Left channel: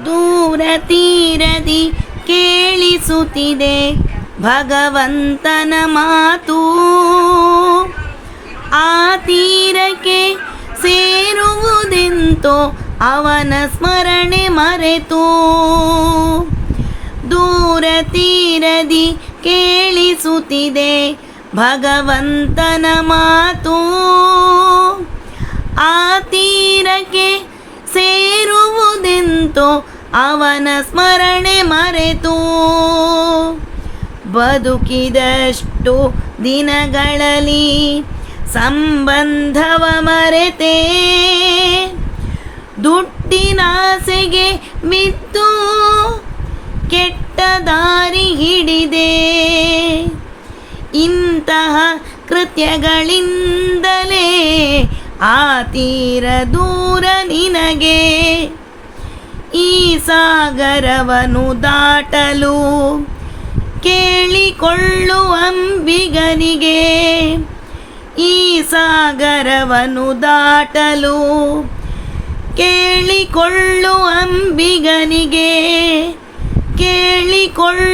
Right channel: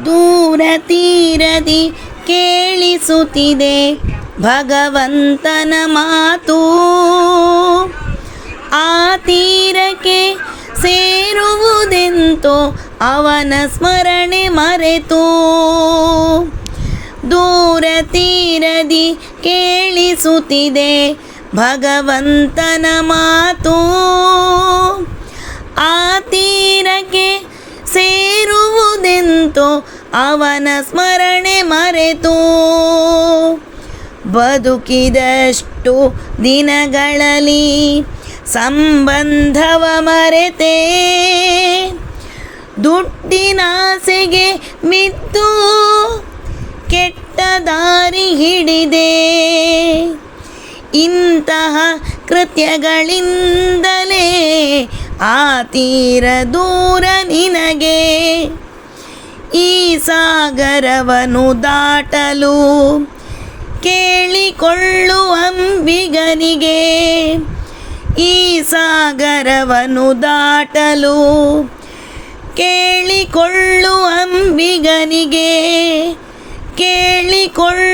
ದೂರ ತೀರದಿ ಕೇಳಿಸುತ್ತಿದೆ ಭಗವಂತನ ಮಾತು. ಆ ತೀರಕ್ಕೆ ಸೇರುವುದೆಂತೋ ಅವನ ಸ್ಮರಣೆ ಮರೆತು. ದೂರ ತೀರದಿ ಕೇಳಿಸುತ್ತಿದೆ ಭಗವಂತನ ಮಾತು. ಆ ತೀರಕ್ಕೆ ಸೇರುವುದೆಂತೋ ಅವನ ಸ್ಮರಣೆ ಮರೆತು. ಬದುಕಿದಷ್ಟು ದಿನಗಳಲ್ಲಿ ಸಂಬಂಧವ ಮರೆತೆ, ದುಡ್ಡಿನಾಸೆಗೆ ಬಿದ್ದು ಕೆಟ್ಟ ದಾರಿ ಹಿಡಿದೆ. ಇಂತಹ ಕೃತ್ಯಗಳಿಂದಲೇ ಆ ತೀರ ದೂರ ನಿನಗೆ. ಈ ಸಾಗರವನ್ನು ದಾಟಲು ಕೇಳಿಕೊಳ್ಳುವಂಬಿಗನಿಗೆ. ಈ ಸಾಗರವನ್ನು ದಾಟಲು ಕೇಳಿಕೊಳ್ಳುವಂಬಿಗನಿಗೆ. ಕೇಳಿಕೊಳ್ಳುವಂಬಿಗನಿಗೆ.